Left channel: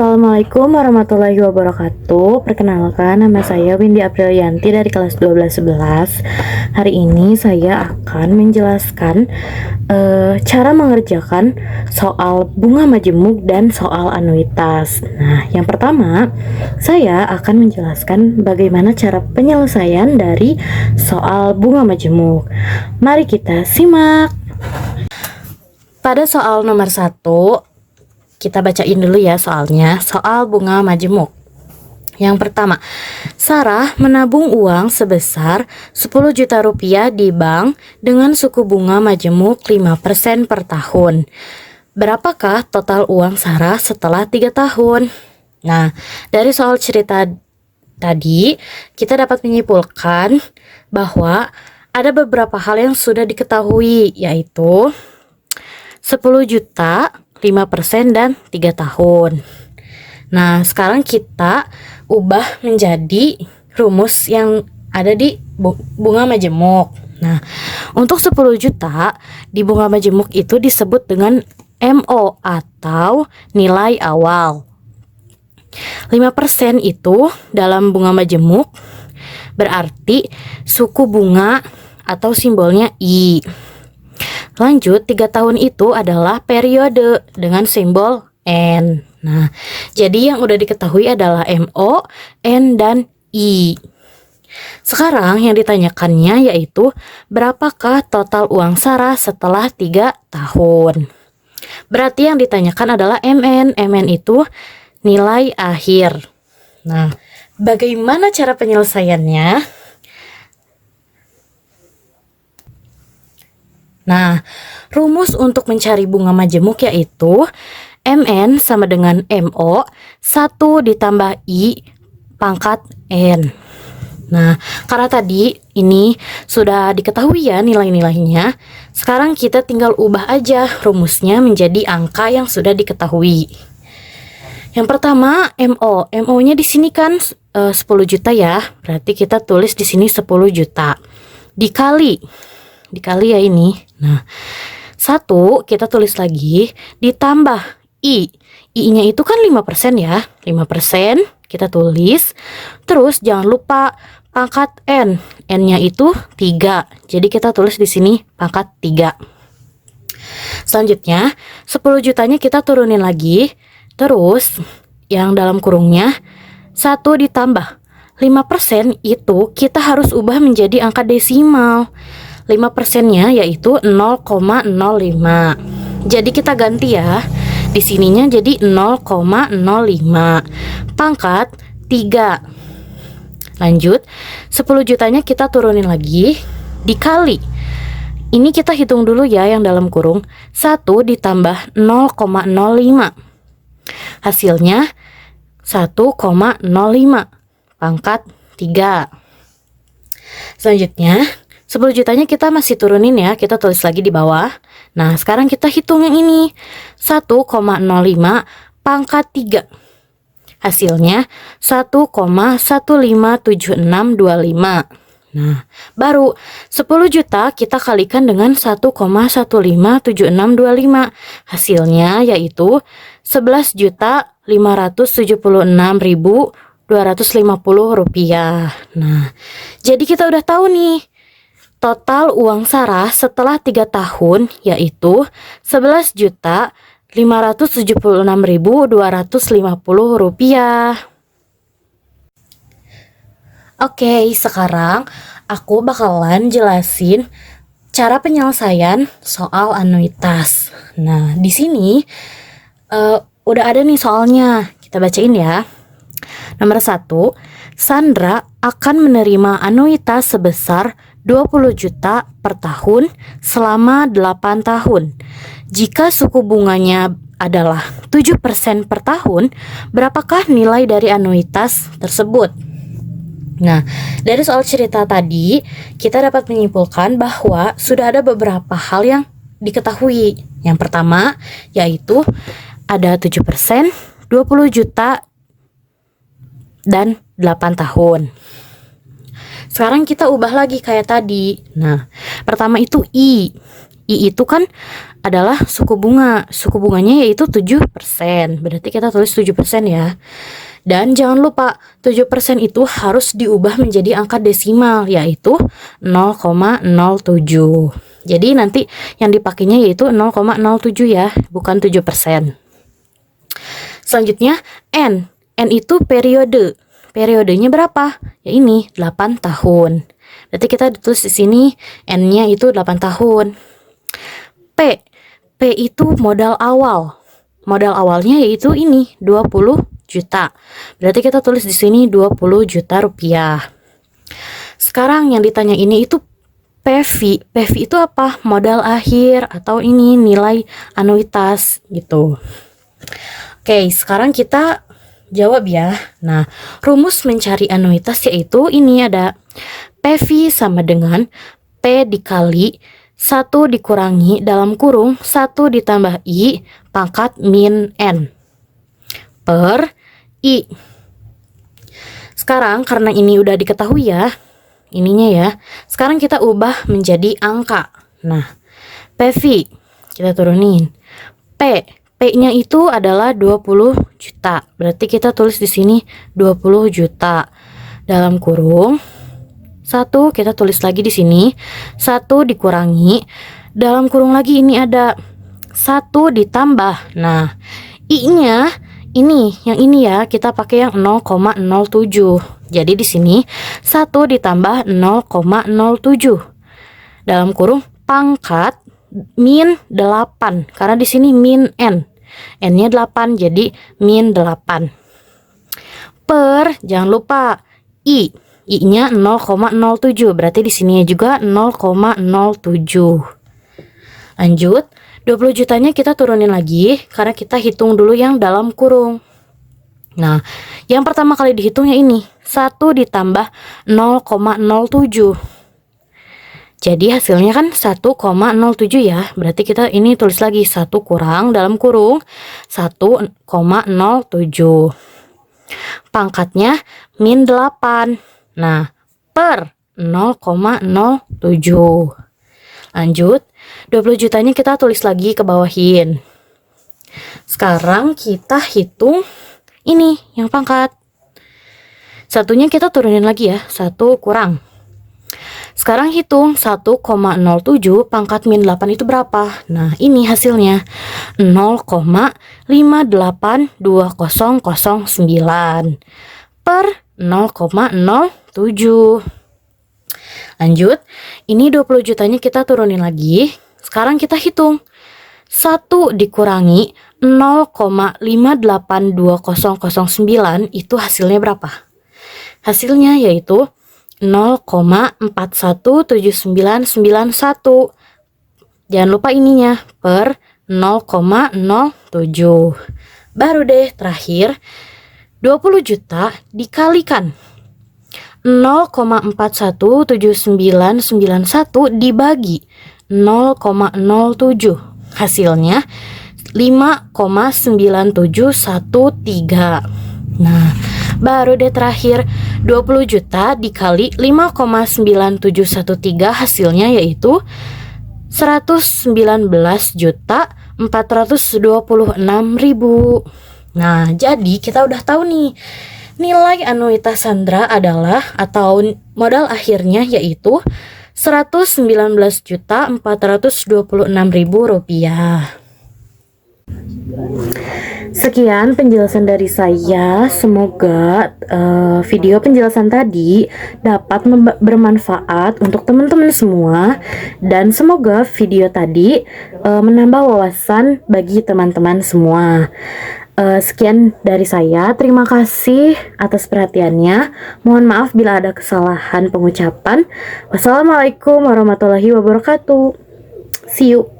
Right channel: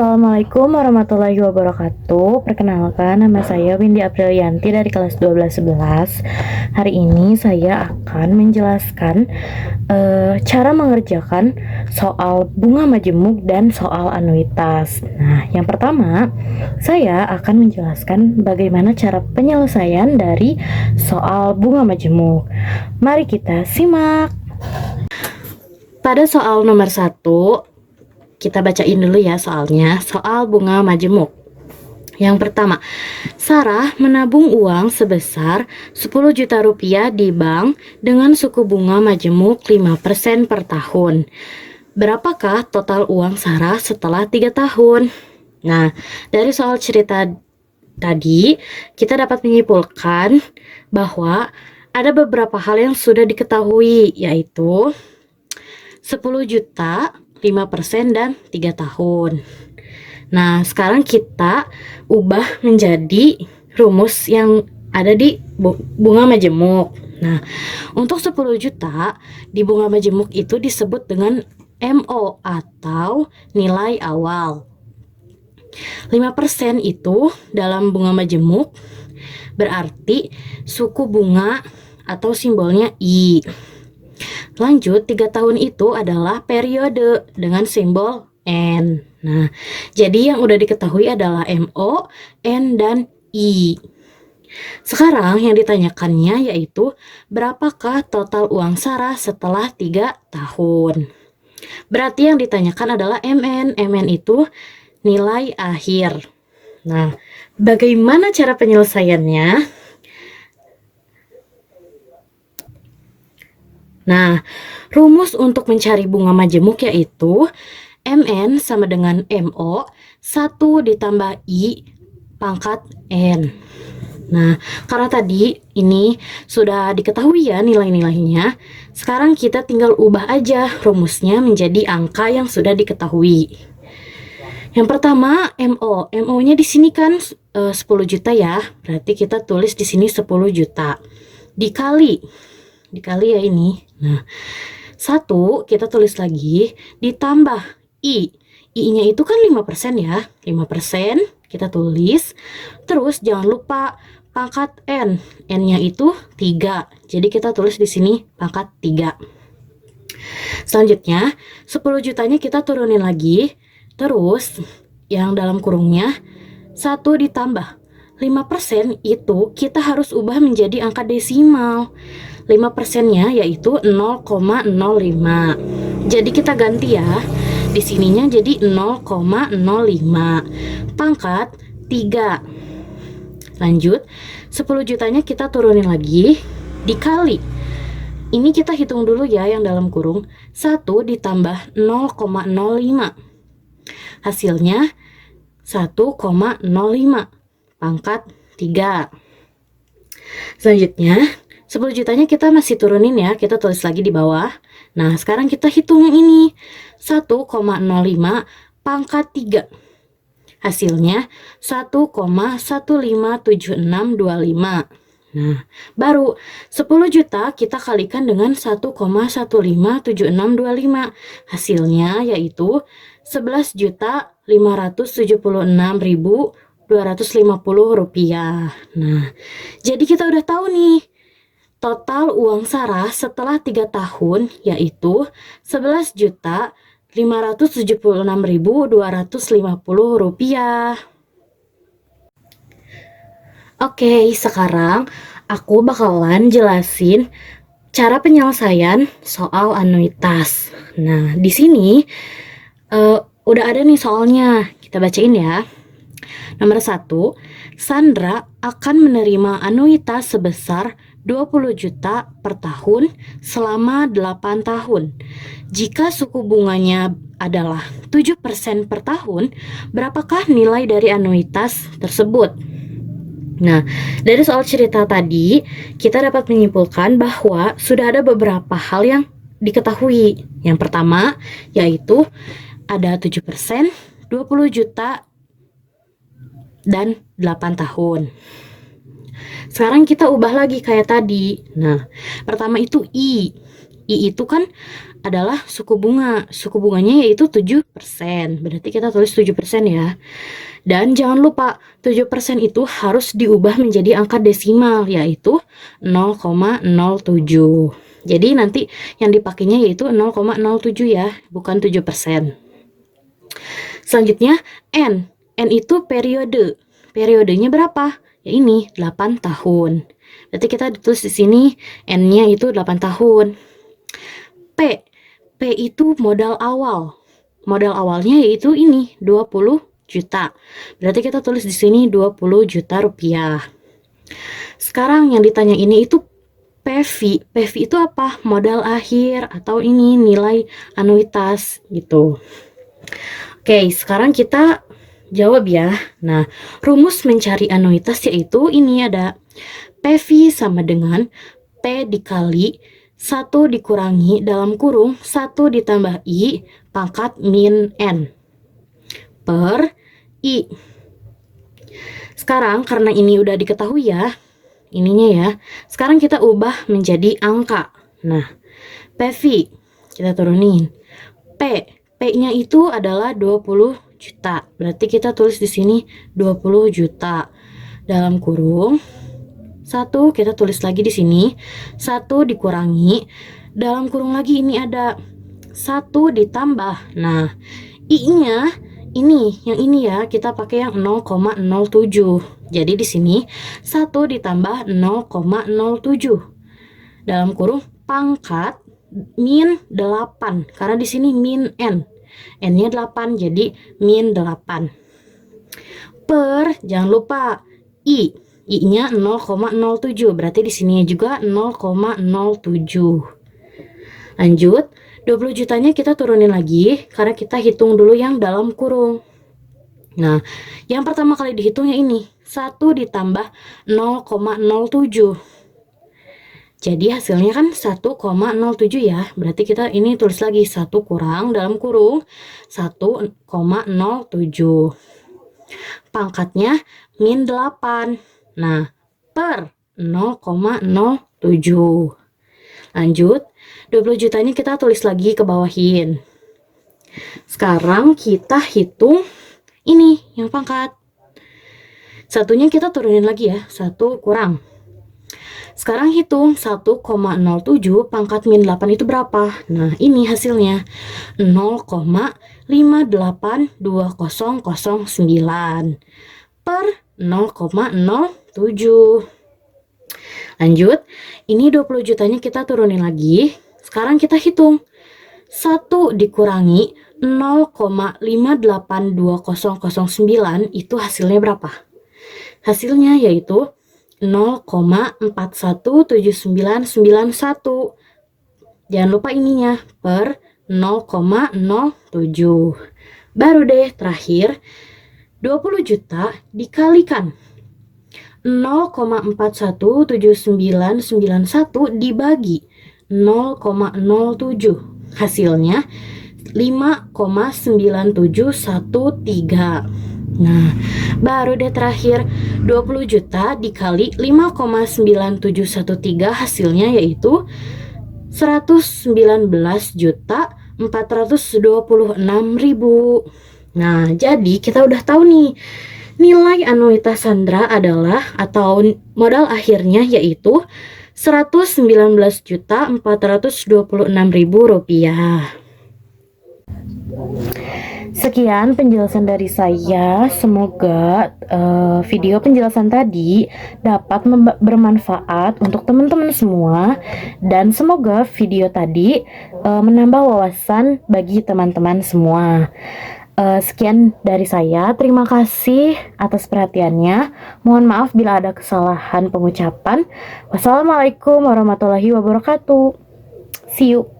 Assalamualaikum warahmatullahi wabarakatuh. Perkenalkan, nama saya Windy Aprilianti dari kelas 1211. Hari ini saya akan menjelaskan cara mengerjakan soal bunga majemuk dan soal anuitas. Nah, yang pertama, saya akan menjelaskan bagaimana cara penyelesaian dari soal bunga majemuk. Mari kita simak. Pada soal nomor 1, kita bacain dulu ya soalnya, soal bunga majemuk. Yang pertama, Sarah menabung uang sebesar 10 juta rupiah di bank dengan suku bunga majemuk 5% per tahun. Berapakah total uang Sarah setelah 3 tahun? Nah, dari soal cerita tadi, kita dapat menyimpulkan bahwa ada beberapa hal yang sudah diketahui, yaitu 10 juta, 5% dan 3 tahun. Nah, sekarang kita ubah menjadi rumus yang ada di bunga majemuk. Nah, untuk 10 juta di bunga majemuk itu disebut dengan MO atau nilai awal. 5% itu dalam bunga majemuk berarti suku bunga atau simbolnya I. Lanjut, 3 tahun itu adalah periode dengan simbol N. Nah, jadi yang udah diketahui adalah MO, N, dan I. Sekarang yang ditanyakannya yaitu berapakah total uang Sarah setelah 3 tahun. Berarti yang ditanyakan adalah MN. MN itu nilai akhir. Nah, bagaimana cara penyelesaiannya? Nah, rumus untuk mencari bunga majemuk yaitu MN sama dengan MO 1 ditambah I pangkat N. Nah, karena tadi ini sudah diketahui ya nilai-nilainya, sekarang kita tinggal ubah aja rumusnya menjadi angka yang sudah diketahui. Yang pertama MO. MO-nya di sini kan 10 juta ya, berarti kita tulis di sini 10 juta. Dikali ya ini. Nah, 1 kita tulis lagi ditambah I. I-nya itu kan 5% ya. 5% kita tulis. Terus jangan lupa pangkat N. N-nya itu 3. Jadi kita tulis di sini pangkat 3. Selanjutnya 10 jutanya kita turunin lagi. Terus yang dalam kurungnya 1 ditambah 5% itu kita harus ubah menjadi angka desimal. 5%-nya yaitu 0,05. Jadi kita ganti ya. Di sininya jadi 0,05 pangkat 3. Lanjut, 10 jutanya kita turunin lagi dikali. Ini kita hitung dulu ya yang dalam kurung. 1 ditambah 0,05. Hasilnya 1,05 pangkat 3. Selanjutnya 10 jutanya kita masih turunin ya, kita tulis lagi di bawah. Nah, sekarang kita hitung yang ini. 1,05 pangkat 3. Hasilnya 1,157625. Nah, baru 10 juta kita kalikan dengan 1,157625. Hasilnya yaitu 11.576.250 rupiah. Nah, jadi kita udah tahu nih total uang Sarah setelah 3 tahun yaitu 11.576.250 rupiah. Oke, sekarang aku bakalan jelasin cara penyelesaian soal anuitas. Nah, di sini udah ada nih soalnya. Kita bacain ya. Nomor 1, Sandra akan menerima anuitas sebesar 20 juta per tahun selama 8 tahun. Jika suku bunganya adalah 7% per tahun, berapakah nilai dari anuitas tersebut? Nah, dari soal cerita tadi, kita dapat menyimpulkan bahwa sudah ada beberapa hal yang diketahui. Yang pertama, yaitu ada 7%, 20 juta, dan 8 tahun. Sekarang kita ubah lagi kayak tadi. Nah, pertama itu I. I itu kan adalah suku bunga. Suku bunganya yaitu 7%. Berarti kita tulis 7% ya. Dan jangan lupa 7% itu harus diubah menjadi angka desimal, yaitu 0,07. Jadi nanti yang dipakainya yaitu 0,07 ya, bukan 7%. Selanjutnya N. N itu periode. Periodenya berapa? Ya ini 8 tahun. Berarti kita tulis di sini N-nya itu 8 tahun. P. P itu modal awal. Modal awalnya yaitu ini 20 juta. Berarti kita tulis di sini 20 juta rupiah. Sekarang yang ditanya ini itu PV. PV itu apa? Modal akhir atau ini nilai anuitas gitu. Oke, sekarang kita jawab ya. Nah, rumus mencari anuitas yaitu ini ada PV sama dengan P dikali 1 dikurangi dalam kurung 1 ditambah I pangkat min N per I. Sekarang karena ini udah diketahui ya, ininya ya. Sekarang kita ubah menjadi angka. Nah, PV kita turunin. P-nya itu adalah 20 juta. Berarti kita tulis di sini 20 juta. Dalam kurung 1 kita tulis lagi di sini 1 dikurangi dalam kurung lagi ini ada 1 ditambah. Nah, I-nya ini yang ini ya, kita pakai yang 0,07. Jadi di sini 1 ditambah 0,07 dalam kurung pangkat min 8 karena di sini min N. N-nya 8 jadi min 8 per jangan lupa I-nya 0,07 berarti di sini juga 0,07. Lanjut, 20 jutanya kita turunin lagi karena kita hitung dulu yang dalam kurung. Nah, yang pertama kali dihitungnya ini 1 ditambah 0,07. Jadi hasilnya kan 1,07 ya. Berarti kita ini tulis lagi 1 kurang dalam kurung 1,07. Pangkatnya min 8. Nah, per 0,07. Lanjut, 20 jutanya kita tulis lagi ke bawahin. Sekarang kita hitung ini yang pangkat. Satunya kita turunin lagi ya, 1 kurang. Sekarang hitung 1,07 pangkat min 8 itu berapa? Nah, ini hasilnya 0,582009 per 0,07. Lanjut, ini 20 jutanya kita turunin lagi. Sekarang kita hitung 1 dikurangi 0,582009 itu hasilnya berapa? Hasilnya yaitu 0,417991. Jangan lupa ininya per 0,07. Baru deh terakhir 20 juta dikalikan 0,417991 dibagi 0,07. Hasilnya 5,9713. Nah, baru deh terakhir 20 juta dikali 5,9713 hasilnya yaitu 119.426.000. Nah, jadi kita udah tahu nih nilai anuitas Sandra adalah atau modal akhirnya yaitu Rp119.426.000. Sekian penjelasan dari saya. Semoga video penjelasan tadi dapat bermanfaat untuk teman-teman semua, dan semoga video tadi menambah wawasan bagi teman-teman semua. Sekian dari saya. Terima kasih atas perhatiannya. Mohon maaf bila ada kesalahan pengucapan. Wassalamualaikum warahmatullahi wabarakatuh. See you.